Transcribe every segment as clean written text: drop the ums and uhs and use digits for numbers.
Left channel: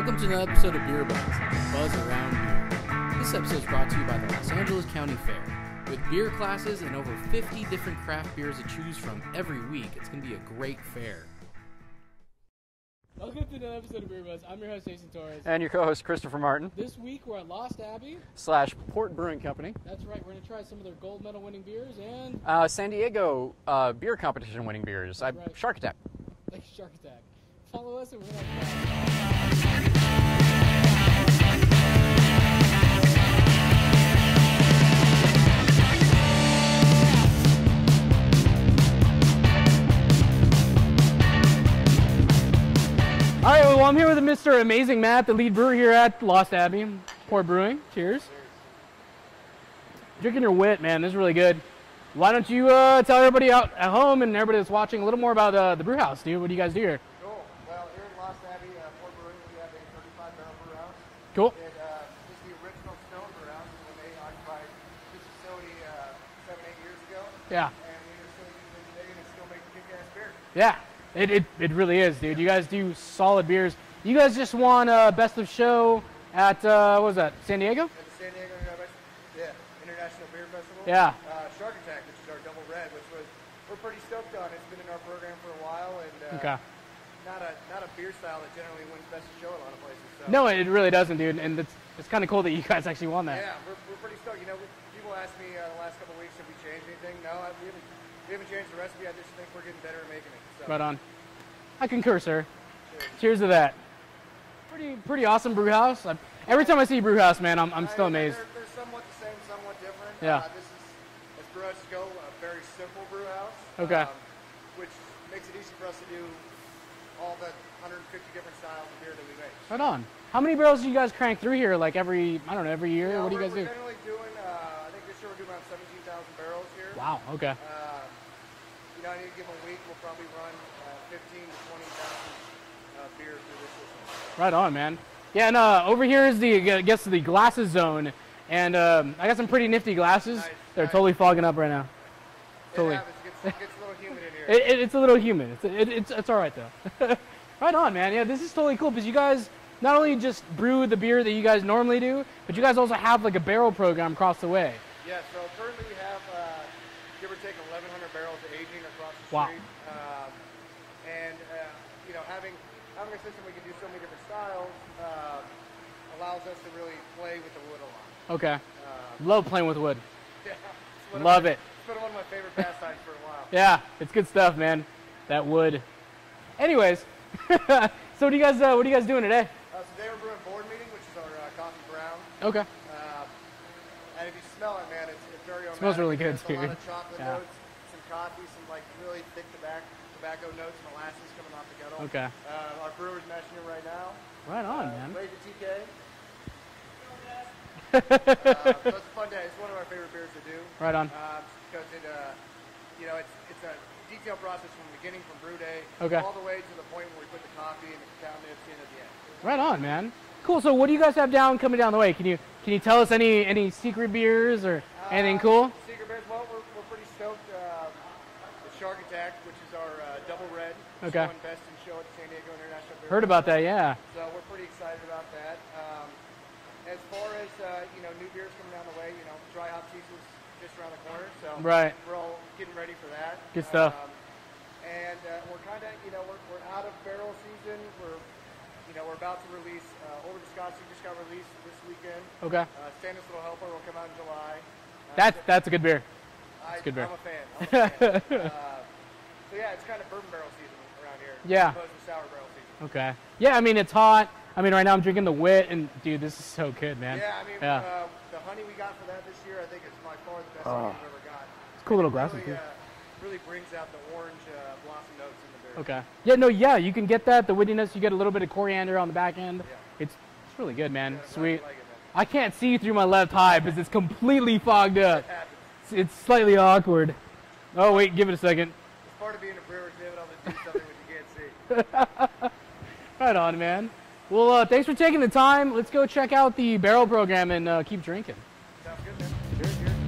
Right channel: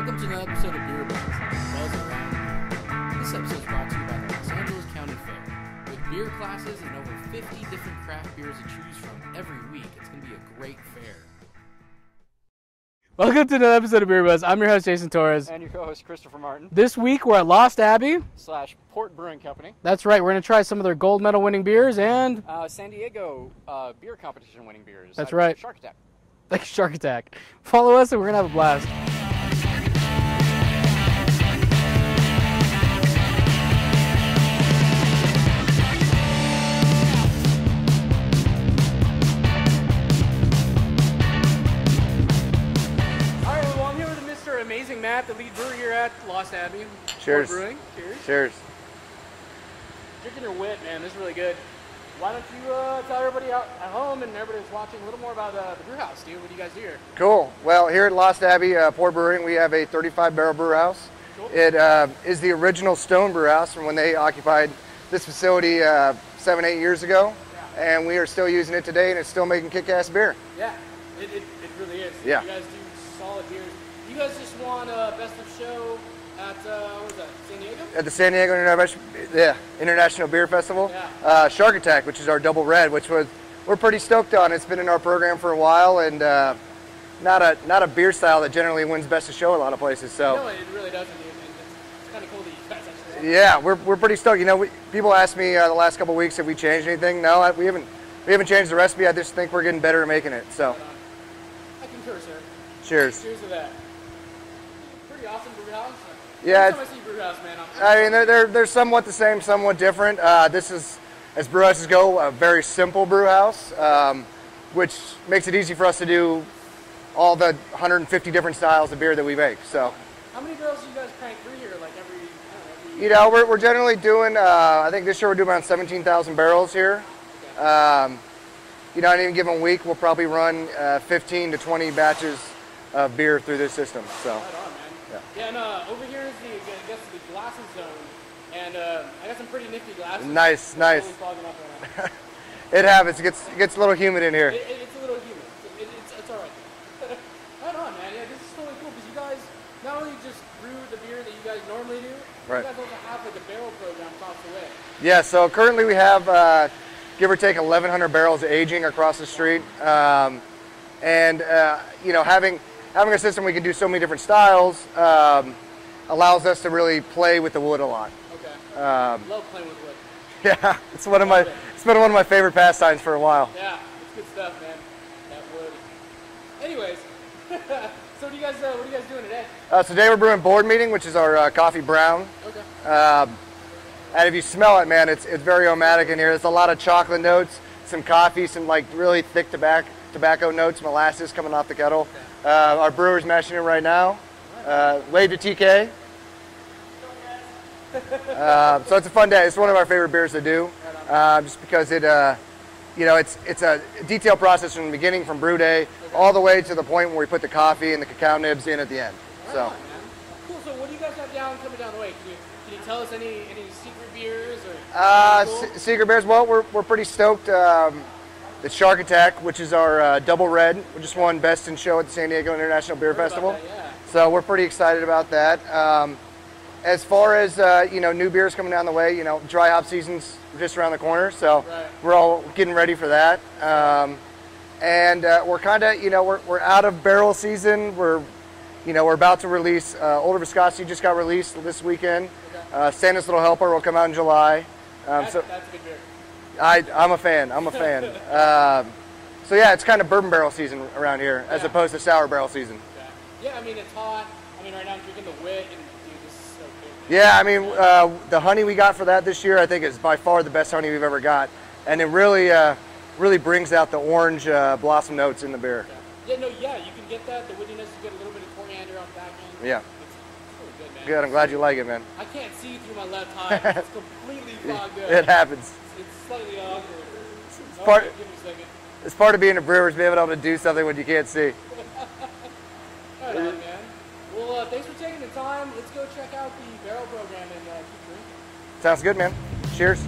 Welcome to another episode of BierBuzz, Buzz Around Beer. This episode is brought to you by the Los Angeles County Fair. With beer classes and over 50 different craft beers to choose from every week, it's going to be a great fair. Welcome to another episode of BierBuzz. I'm your host, Jason Torres. And your co-host, Christopher Martin. This week, we're at Lost Abbey / Port Brewing Company. That's right. We're going to try some of their gold medal winning beers and... San Diego beer competition winning beers. That's right. Shark Attack. Like Shark Attack. Follow us and we're going to have a blast. I'm here with Mr. Amazing Matt, the lead brewer here at Lost Abbey. Cheers. Port Brewing. Cheers. Cheers. Drinking your wit, man. This is really good. Why don't you tell everybody out at home and everybody that's watching a little more about the brew house, dude? What do you guys do here? Cool. Well, here at Lost Abbey Port Brewing, we have a 35-barrel brew house. Cool. It is the original stone brew house from when they occupied this facility 7, 8 years ago. Yeah. And we are still using it today, and it's still making kick-ass beer. Yeah. It really is, dude. Yeah. You guys do solid beers. You guys just won Best of Show at, what was that, San Diego? At the San Diego International Beer Festival. Yeah. Shark Attack, which is our double red, which we're pretty stoked on. It's been in our program for a while, and not a beer style that generally wins Best of Show a lot of places. So. No, it really doesn't, dude. And it's kind of cool that you guys actually won that. Yeah, we're pretty stoked. You know, people ask me the last couple of weeks if we changed anything. No, we haven't changed the recipe. I just think we're getting better at making it. So. Right on. I concur, sir. Cheers. Cheers to that. Pretty awesome brew house. Yeah. Every time I see brew house, man, I'm I mean, they're somewhat the same, somewhat different. Yeah. This is, as brew houses go, a very simple brew house, Okay. which makes it easy for us to do all the 150 different styles of beer that we make. So. Right on. How many barrels do you guys crank through here? Like every year? You know, we're generally doing. I think this year we're doing around 17,000 barrels here. Wow. Okay. You know, in any given week, we'll probably run 15 to 20 batches of beer through this system. So. Right on, man. Yeah. And over here is the glasses zone, and I got some pretty nifty glasses. Nice. They're totally fogging up right now. It happens. It gets a little humid in here. It's a little humid. It's all right though. Right on, man. Yeah, this is totally cool because you guys not only just brew the beer that you guys normally do, but you guys also have like a barrel program across the way. Yeah. So currently we have. Give or take 1,100 barrels aging across the street, wow. You know, having a system we can do so many different styles allows us to really play with the wood a lot. Okay. Love playing with wood. Yeah, it's been one of my favorite pastimes for a while. Yeah, it's good stuff, man. That wood. Anyways, so what are you guys doing today? Today we're brewing Board Meeting, which is our coffee brown. Okay. And if you smell it, man, it's very aromatic in here. There's a lot of chocolate notes, some coffee, some like really thick tobacco notes, molasses coming off the kettle. Okay. Our brewer's mashing it right now. Right on, Wave to TK. So it's a fun day. It's one of our favorite beers to do. Right on. Just because it, you know, it's a detailed process from the beginning, from brew day, okay. all the way to the point where we put the coffee and the cacao nibs in at the end. Right on, man. Cool. So what do you guys have coming down the way? Can you tell us any secret beers or anything cool? Secret beers. Well, we're pretty stoked. The Shark Attack, which is our double red, which just won Best in Show at the San Diego International Beer Festival. Festival. Heard about that, yeah. So we're pretty excited about that. As far as you know, new beers coming down the way, you know, dry hop season's just around the corner, so we're all getting ready for that. Good stuff. And we're kind of, you know, we're out of barrel season. We're about to release Older Viscosity just got released this weekend. Okay. Santa's Little Helper will come out in July. That's a good beer. I'm a fan. So yeah, it's kind of bourbon barrel season around here as opposed to sour barrel season. Okay. Yeah, I mean it's hot. I mean right now I'm drinking the wit, and dude, this is so good, man. Yeah, I mean the honey we got for that this year, I think is by far the best honey we've ever got, and it really brings out the orange blossom notes in the beer. Okay. Yeah, you can get that. The woodiness, you get a little bit of coriander on the back end. Yeah. It's really good, man. Good. I'm glad you like it, man. I can't see through my left eye because it's completely fogged up. It happens. It's slightly awkward. Wait, give it a second. It's part of being a brewer is being able to do something when you can't see. Right on, man. Well, thanks for taking the time. Let's go check out the barrel program and keep drinking. Sounds good, man. Cheers.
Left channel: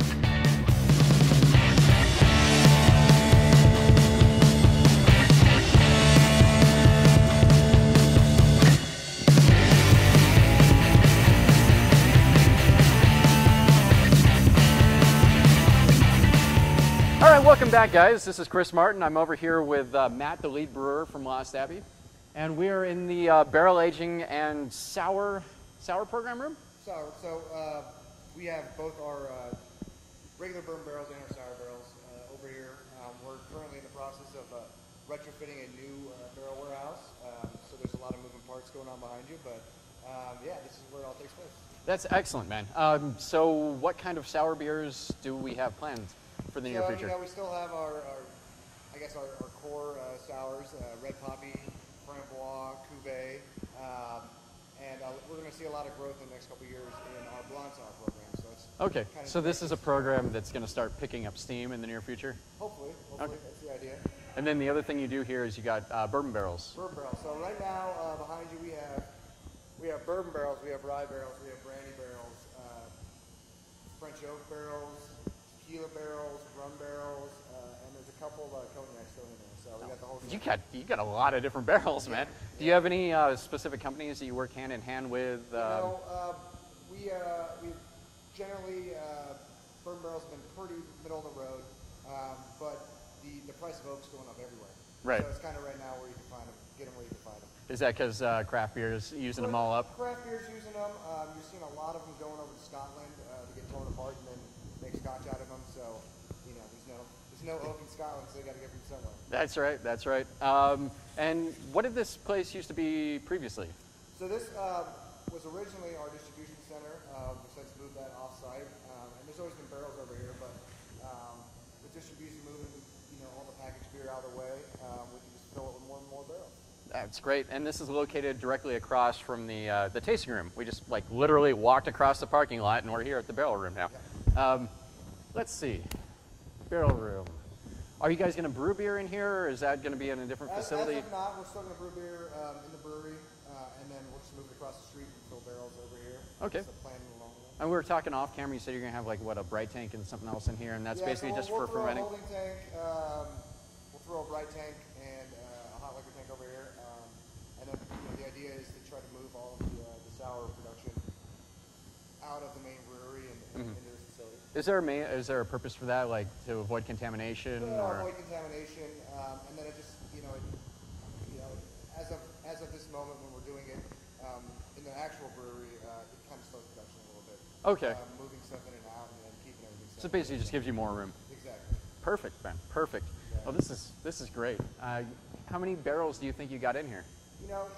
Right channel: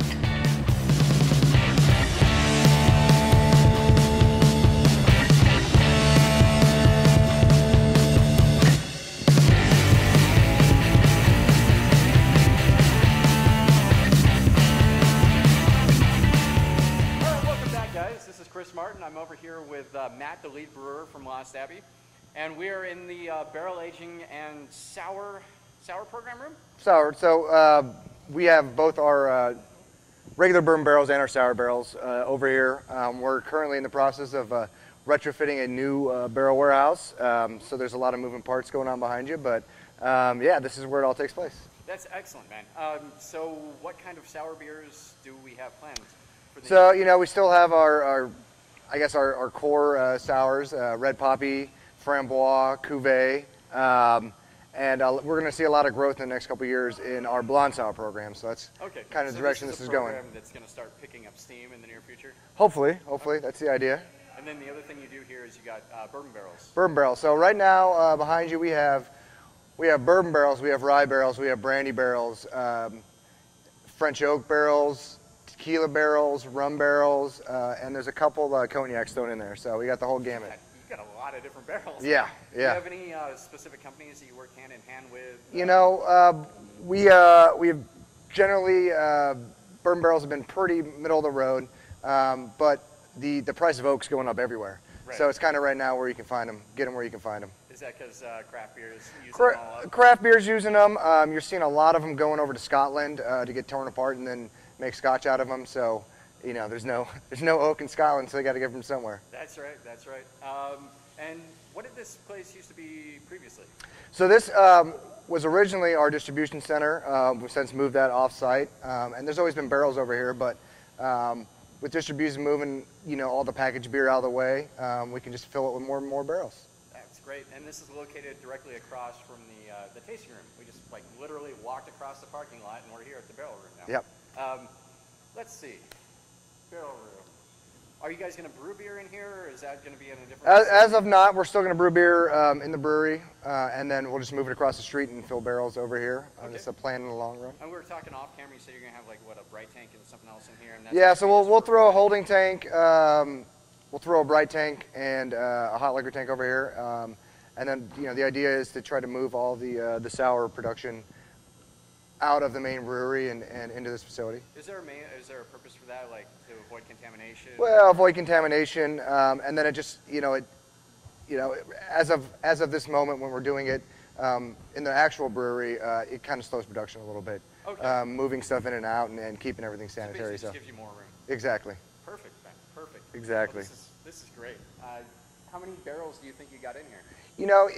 guys, this is Chris Martin. I'm over here with Matt, the lead brewer from Lost Abbey, and we are in the barrel aging and sour program room. Sour. So we have both our regular bourbon barrels and our sour barrels over here. We're currently in the process of retrofitting a new barrel warehouse. So there's a lot of moving parts going on behind you, but yeah, this is where it all takes place. That's excellent, man. So what kind of sour beers do we have planned for the So, you know, we still have our core sours, Red Poppy, Framboise, Cuvée, and we're going to see a lot of growth in the next couple of years in our blonde sour program. So that's kind of the direction this is a program that's going to start picking up steam in the near future? Hopefully, that's the idea. And then the other thing you do here is you got bourbon barrels. Bourbon barrels. So right now behind you we have bourbon barrels, we have rye barrels, we have brandy barrels, French oak barrels, tequila barrels, rum barrels, and there's a couple cognacs thrown in there. So we got the whole gamut. You got a lot of different barrels. Yeah, man. yeah. Do you have any specific companies that you work hand in hand with? You know, we have generally bourbon barrels have been pretty middle of the road, but the price of oak's going up everywhere. Right. So it's kind of right now where you can find them, get them where you can find them. Is that because craft beers using them all up? Craft beer's using them. You're seeing a lot of them going over to Scotland to get torn apart and then make scotch out of them. So, you know, there's no oak in Scotland, so they got to get them somewhere. That's right. That's right. And what did this place used to be previously? So this was originally our distribution center. We've since moved that off-site, and there's always been barrels over here, but with distribution moving, you know, all the packaged beer out of the way, we can just fill it with more and more barrels. That's great. And this is located directly across from the tasting room. We just like literally walked across the parking lot, and we're here at the barrel room now. Yep. Let's see, barrel room. Are you guys going to brew beer in here, or is that going to be in a different facility? As of not, we're still going to brew beer in the brewery, and then we'll just move it across the street and fill barrels over here. Okay. That's the plan in the long run. And we were talking off camera. You said you're going to have like what, a bright tank and something else in here, and that's yeah. So we'll throw providing a holding tank. We'll throw a bright tank and a hot liquor tank over here, and then you know the idea is to try to move all the sour production out of the main brewery and into this facility. Is there a purpose for that, like to avoid contamination? Well, avoid contamination, and then it just as of this moment when we're doing it in the actual brewery, it kind of slows production a little bit. Okay. Moving stuff in and out and keeping everything sanitary. So basically, just gives you more room. Exactly. Perfect, Ben. Perfect. Exactly. Well, this is great. How many barrels do you think you got in here? You know,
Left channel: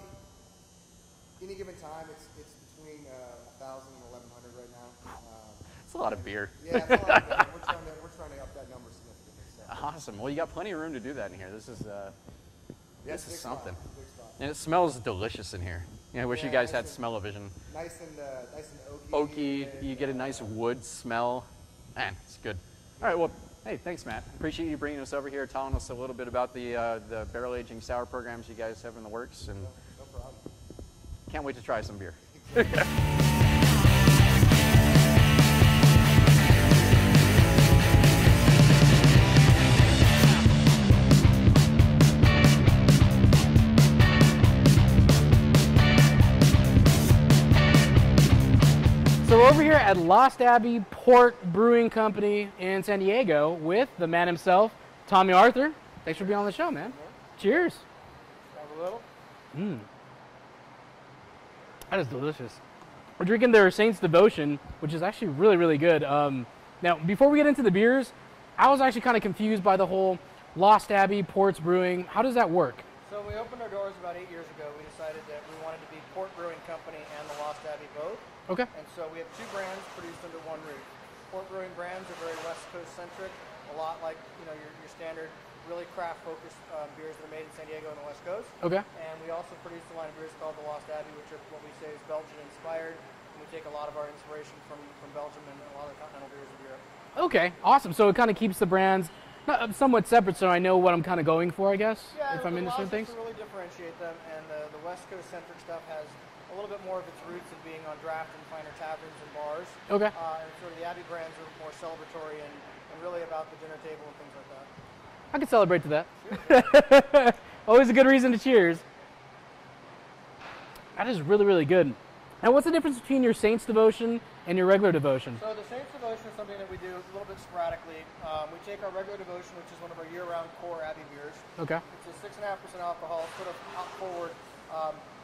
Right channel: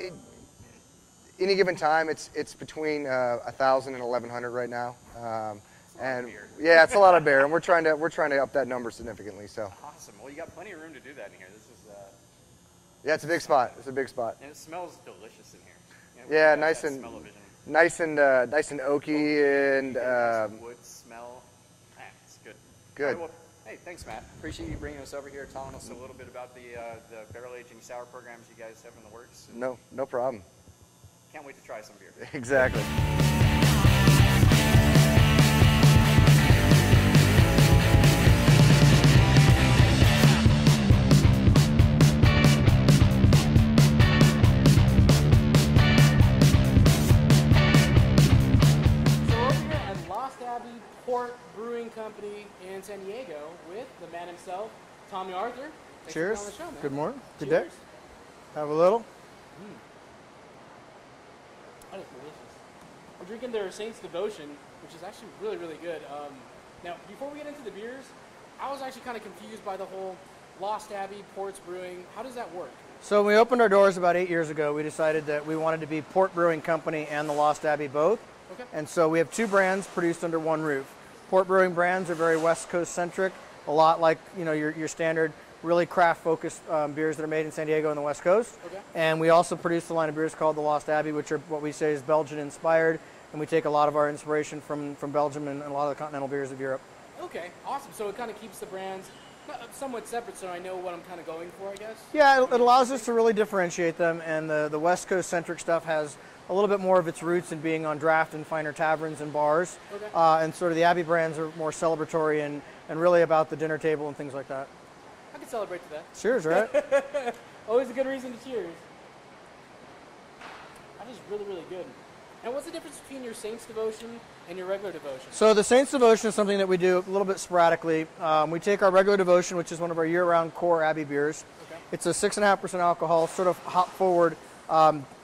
any given time, it's between 1,000 and 1,100 right now. It's a lot of beer. Yeah, it's a lot of beer, and we're trying to up that number significantly. So. Awesome. Well, you got plenty of room to do that in here. This is. Yeah, it's a big spot. It's a big spot. And it smells delicious in here. You know, I wish yeah, you guys nice had and smell-o-vision. Nice and oaky, and you get a nice wood smell. Man, it's good. Good. All right, well, hey, thanks, Matt. Appreciate you bringing us over here, telling us a little bit about the barrel aging sour programs you guys have in the works. And no problem. Can't wait to try some beer. Exactly. So we're over here at Lost Abbey Port Brewing Company in San Diego with the man himself, Tommy Arthur. Thanks for being on the show, man. Good morning. Cheers. Have a little. That is delicious. We're drinking their Saint's Devotion, which is actually really, really good. Now, before we get into the beers, I was actually kind of confused by the whole Lost Abbey Ports Brewing. How does that work? So when we opened our doors about 8 years ago, we decided that we wanted to be Port Brewing Company and the Lost Abbey both. Okay. And so we have two brands produced under one roof. Port Brewing brands are very West Coast centric, a lot like your standard really craft-focused beers that are made in San Diego and the West Coast. Okay. And we also produce a line of beers called the Lost Abbey, which are what we say is Belgian-inspired, and we take a lot of our inspiration from Belgium and a lot of the continental beers of Europe. Okay, awesome. So it kind of keeps the brands somewhat separate, so I know what I'm kind of going for, I guess. Yeah, it allows us to really differentiate them, and the West Coast-centric stuff has a little bit more of its roots in being on draft and finer taverns and bars. Okay. And sort of the Abbey brands are more celebratory and really about the dinner table and things like that. I could celebrate to that. Cheers, right? Always a good reason to cheers. That is really, really good. And what's the difference between your Saints Devotion and your regular devotion? So the Saints Devotion is something that we do a little bit sporadically. We take our regular devotion, which is one of our year-round core Abbey beers. Okay. It's a 6.5% alcohol, sort of hop-forward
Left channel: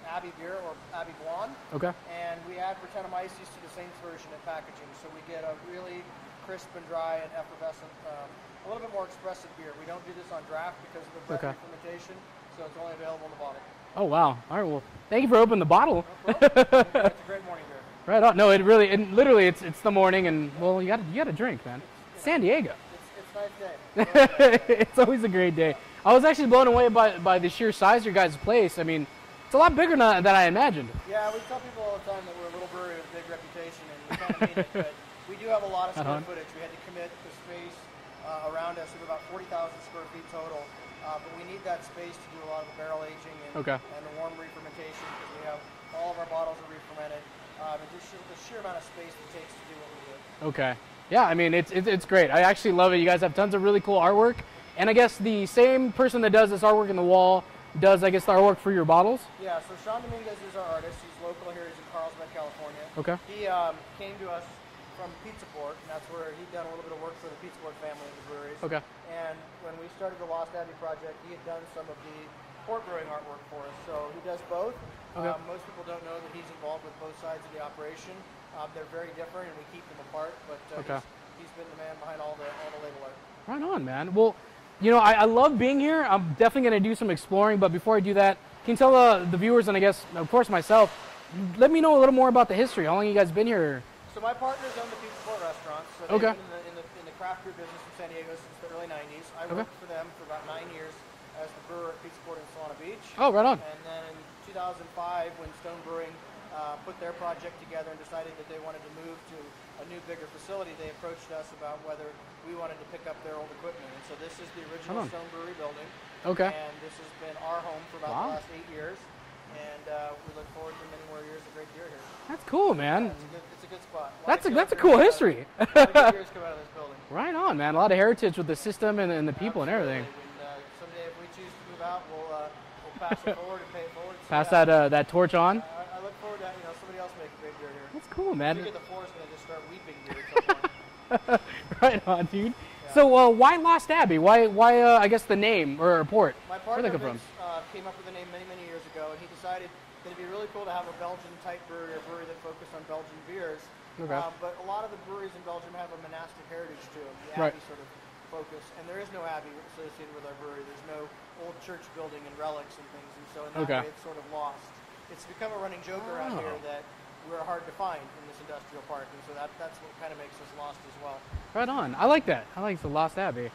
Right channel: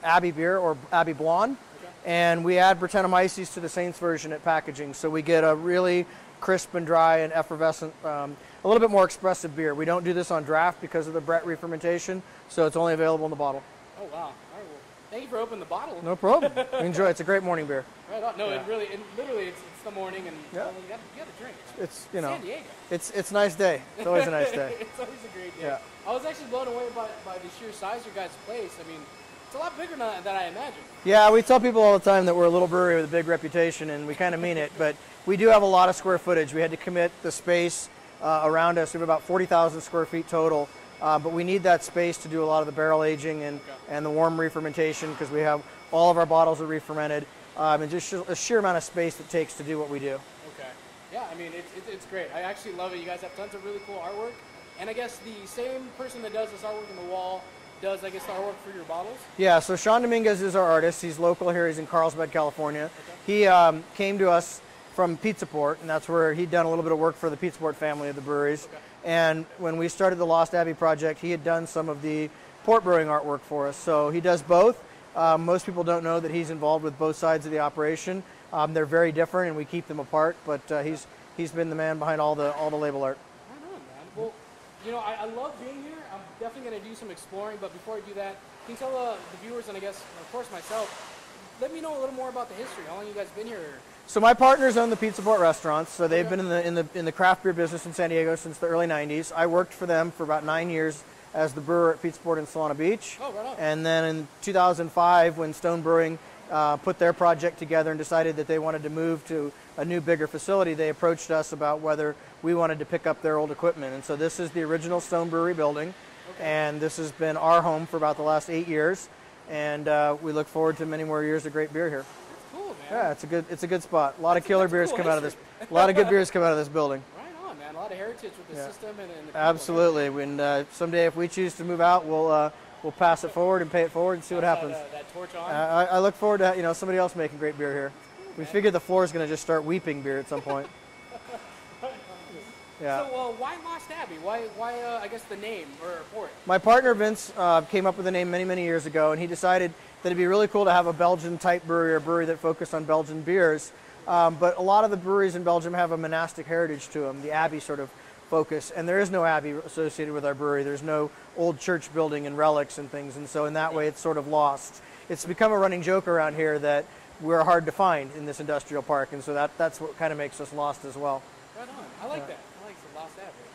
Abbey beer or Abbey Blonde. Okay. And we add Brettanomyces to the Saints version at packaging, so we get a really crisp and dry and effervescent, a little bit more expressive beer. We don't do this on draft because of the Brett re-fermentation, so it's only available in the bottle. Oh, wow. All right, well, thank you for opening the bottle. No problem. Enjoy. It's a great morning beer. Right on. No, it really, literally, it's the morning, and well, you got to drink, man. It's San Diego. It's a nice day. It's always a nice day. It's always a great day. Yeah. I was actually blown away by the sheer size of your guys' place. I mean, it's a lot bigger than I imagined. Yeah, we tell people all the time that we're a little brewery with a big reputation, and we kind of mean it. But we do have a lot of square footage. We had to commit the space around us. We have about 40,000 square feet total. But we need that space to do a lot of the barrel aging and the warm re-fermentation, because we have all of our bottles are re-fermented, and just a sheer amount of space it takes to do what we do. Okay. Yeah, I mean, it's great. I actually love it. You guys have tons of really cool artwork. And I guess the same person that does this artwork in the wall does, I guess, the artwork for your bottles? Yeah, so Sean Dominguez is our artist. He's local here. He's in Carlsbad, California. Okay. He came to us from Pizza Port, and that's where he'd done a little bit of work for the Pizza Port family of the breweries. Okay. And when we started the Lost Abbey project, he had done some of the port brewing artwork for us. So he does both. Most people don't know that he's involved with both sides of the operation. They're very different, and we keep them apart. But he's been the man behind all the label art. Right on, man. Well, you know, I love being here. I'm definitely going to do some exploring. But before I do that, can you tell the viewers, and I guess, of course, myself, let me know a little more about the history. How long have you guys been here? So my partners own the Pizza Port restaurants. So they've been in the craft beer business in San Diego since the early 90s. I worked for them for about 9 years as the brewer at Pizza Port in Solana Beach. Oh, right on. And then in 2005, when Stone Brewing put their project together and decided that they wanted to move to a new, bigger facility, they approached us about whether we wanted to pick up their old equipment. And so this is the original Stone Brewery building. Okay. And this has been our home for about the last 8 years. And we look forward to many more years of great beer here. That's cool, man. Yeah, it's a good spot. A lot of killer that's a beers cool come history. out of this. A lot of good beers come out of this building. Right on, man. A lot of heritage with the system and the people. Absolutely. And When someday, if we choose to move out, we'll pass it forward and pay it forward and see pass what happens. that torch on. I look forward to somebody else making great beer here. That's cool, I man. figure the floor is going to just start weeping beer at some point. Right on, dude. Yeah. So why Lost Abbey? Why I guess the name or port? My partner Vince came up with the name many years ago, and he decided that it'd be really cool to have a Belgian-type brewery, or a brewery that focused on Belgian beers. Okay. But a lot of the breweries in Belgium have a monastic heritage to them, the Abbey sort of focus. And there is no Abbey associated with our brewery. There's no old church building and relics and things. And so in that way, it's sort of lost. It's become a running joke around here that we're hard to find in this industrial park. And so that's what kind of makes us lost as well. Right on. I like that. I like the Lost Abbey. Yeah.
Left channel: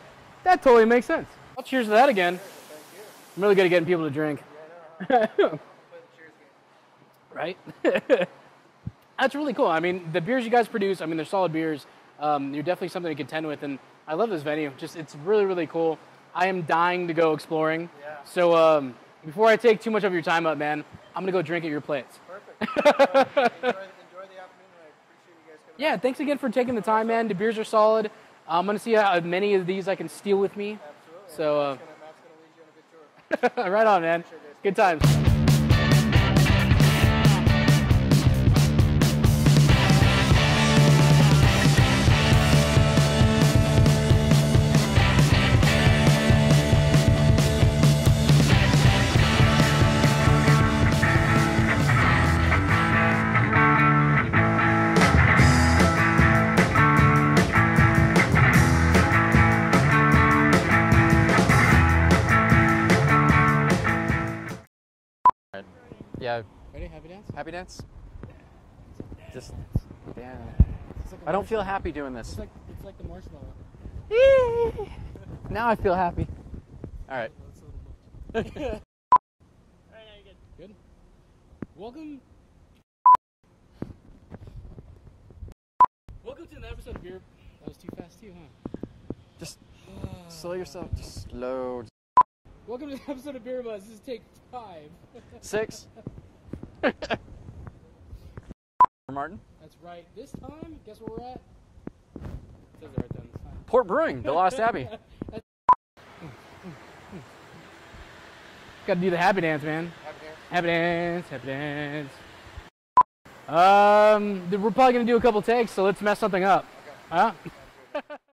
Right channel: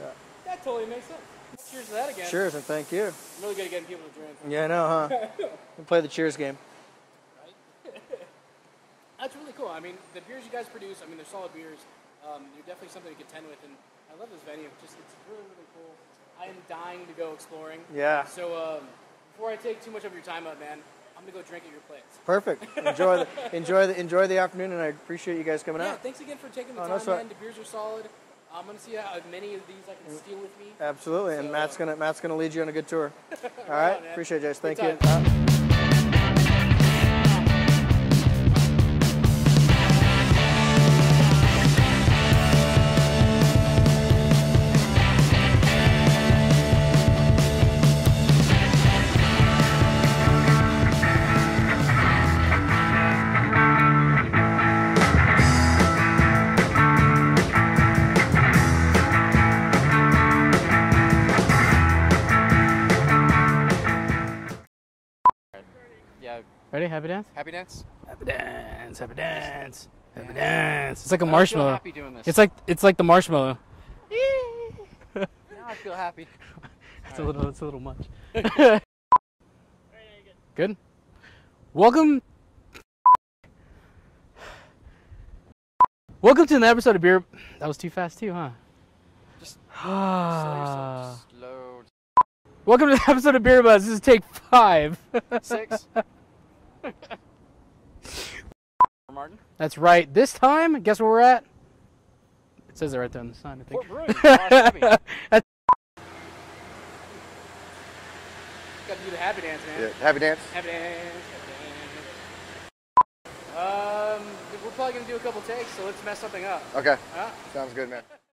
That totally makes sense. Well, cheers to that again. Cheers, and thank you. I'm really good at getting people to drink. Yeah, I know, huh? We'll play the cheers game. Right? That's really cool. I mean, the beers you guys produce, I mean, they're solid beers. You're definitely something to contend with, and I love this venue. Just, it's really, really cool. I am dying to go exploring. Yeah. So before I take too much of your time up, man, I'm going to go drink at your place. Perfect. Enjoy the afternoon, and I appreciate you guys coming out. Yeah, thanks again for taking the time, man. The beers are solid. I'm going to see how many of these I can steal with me. Absolutely. So, and Matt's gonna lead you on a good tour. right on, man. Appreciate it, guys. Good Thank times. you. Yeah. Ready? Happy dance? Happy dance? Happy dance. Happy dance. Happy dance. It's like a marshmallow. I feel happy doing this. It's like the marshmallow. Now I feel happy. It's a little much. Good. Welcome to an episode of Beer. That was too fast too, huh? Just slow yourself. Slow. Welcome to the episode of BierBuzz. This is take 5. 6. Martin. That's right. This time, guess where we're at? It says it right there on the sign. Port Brewing, Lost Abbey. Got to do the happy dance, man. Yeah, happy dance. Happy dance. Happy dance. we're probably gonna do a couple takes, so let's mess something up. Okay. Huh? Sounds good, man.